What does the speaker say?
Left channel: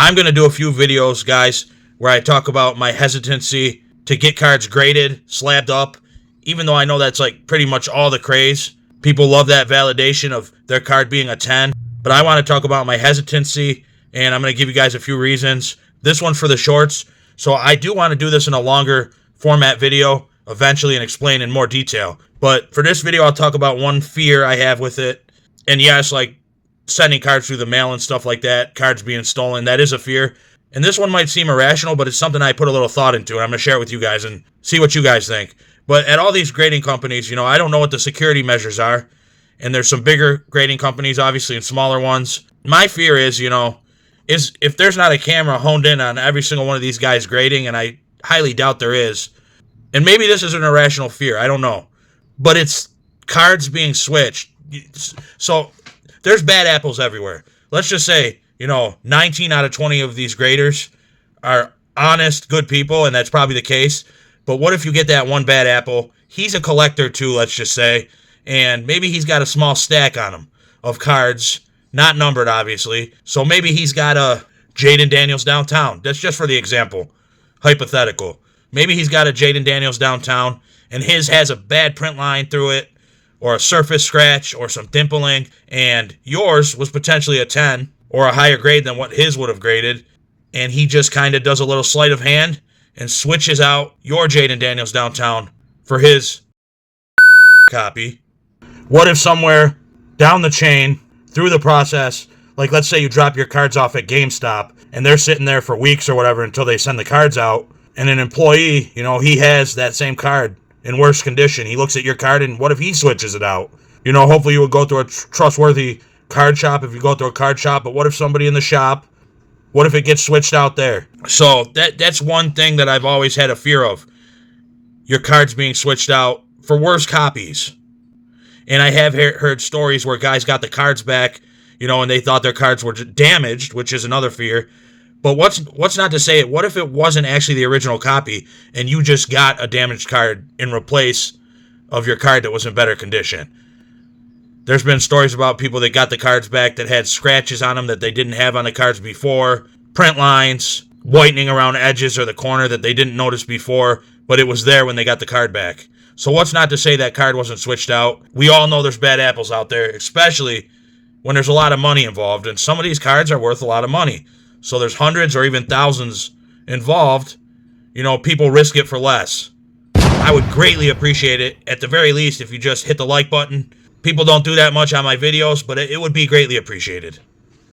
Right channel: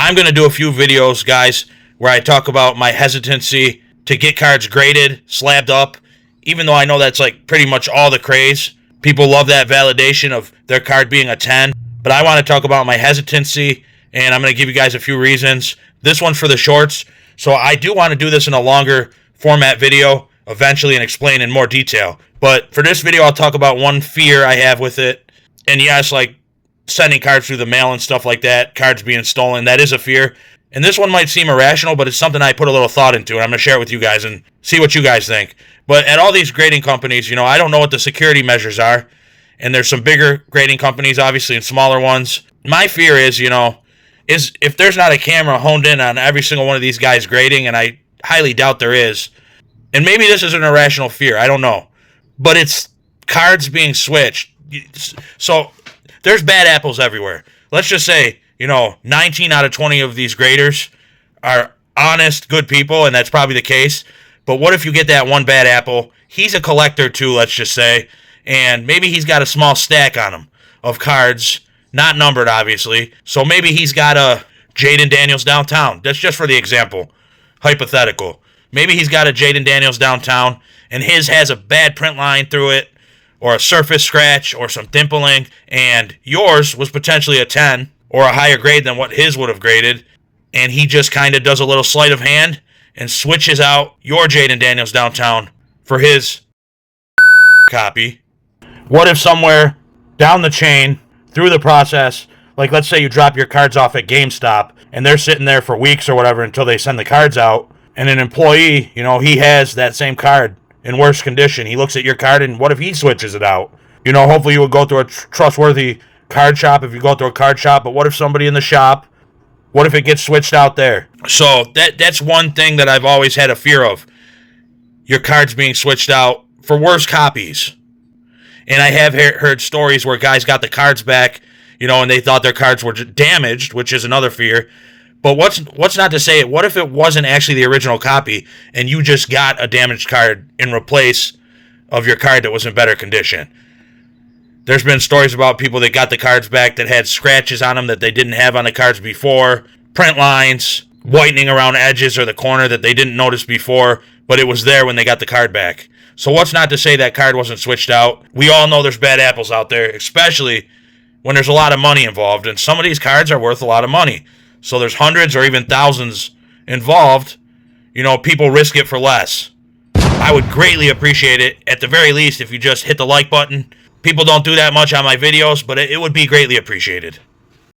I'm going to do a few videos, guys, where I talk about my hesitancy to get cards graded, slabbed up, even though I know that's like pretty much all the craze. People love that validation of their card being a 10, but I want to talk about my hesitancy, and I'm going to give you guys a few reasons. This one's for the shorts, so I do want to do this in a longer format video eventually and explain in more detail. But for this video, I'll talk about one fear I have with it. And yes, like sending cards through the mail and stuff like that, cards being stolen, that is a fear. And this one might seem irrational, but it's something I put a little thought into, and I'm going to share it with you guys and see what you guys think. But at all these grading companies, I don't know what the security measures are. And there's some bigger grading companies, obviously, and smaller ones. My fear is, is if there's not a camera honed in on every single one of these guys grading, and I highly doubt there is, and maybe this is an irrational fear, I don't know, but it's cards being switched. So there's bad apples everywhere. Let's just say, 19 out of 20 of these graders are honest, good people, and that's probably the case. But what if you get that one bad apple? He's a collector too, let's just say, and maybe he's got a small stack on him of cards, not numbered, obviously. So maybe he's got a Jaden Daniels downtown. That's just for the example, hypothetical. Maybe he's got a Jaden Daniels downtown, and his has a bad print line through it, or a surface scratch, or some dimpling, and yours was potentially a 10, or a higher grade than what his would have graded, and he just kind of does a little sleight of hand and switches out your Jaden Daniels downtown for his copy. What if somewhere down the chain, through the process, like let's say you drop your cards off at GameStop, and they're sitting there for weeks or whatever until they send the cards out, and an employee, he has that same card in worse condition. He looks at your card, and what if he switches it out? Hopefully you would go through a trustworthy card shop if you go through a card shop, but what if somebody in the shop, what if it gets switched out there? So that's one thing that I've always had a fear of, your cards being switched out for worse copies. And I have heard stories where guys got the cards back, and they thought their cards were damaged, which is another fear. But what's not to say, what if it wasn't actually the original copy and you just got a damaged card in replace of your card that was in better condition? There's been stories about people that got the cards back that had scratches on them that they didn't have on the cards before, print lines, whitening around edges or the corner that they didn't notice before, but it was there when they got the card back. So what's not to say that card wasn't switched out? We all know there's bad apples out there, especially when there's a lot of money involved, and some of these cards are worth a lot of money. So there's hundreds or even thousands involved. People risk it for less. I would greatly appreciate it, at the very least, if you just hit the like button. People don't do that much on my videos, but it would be greatly appreciated.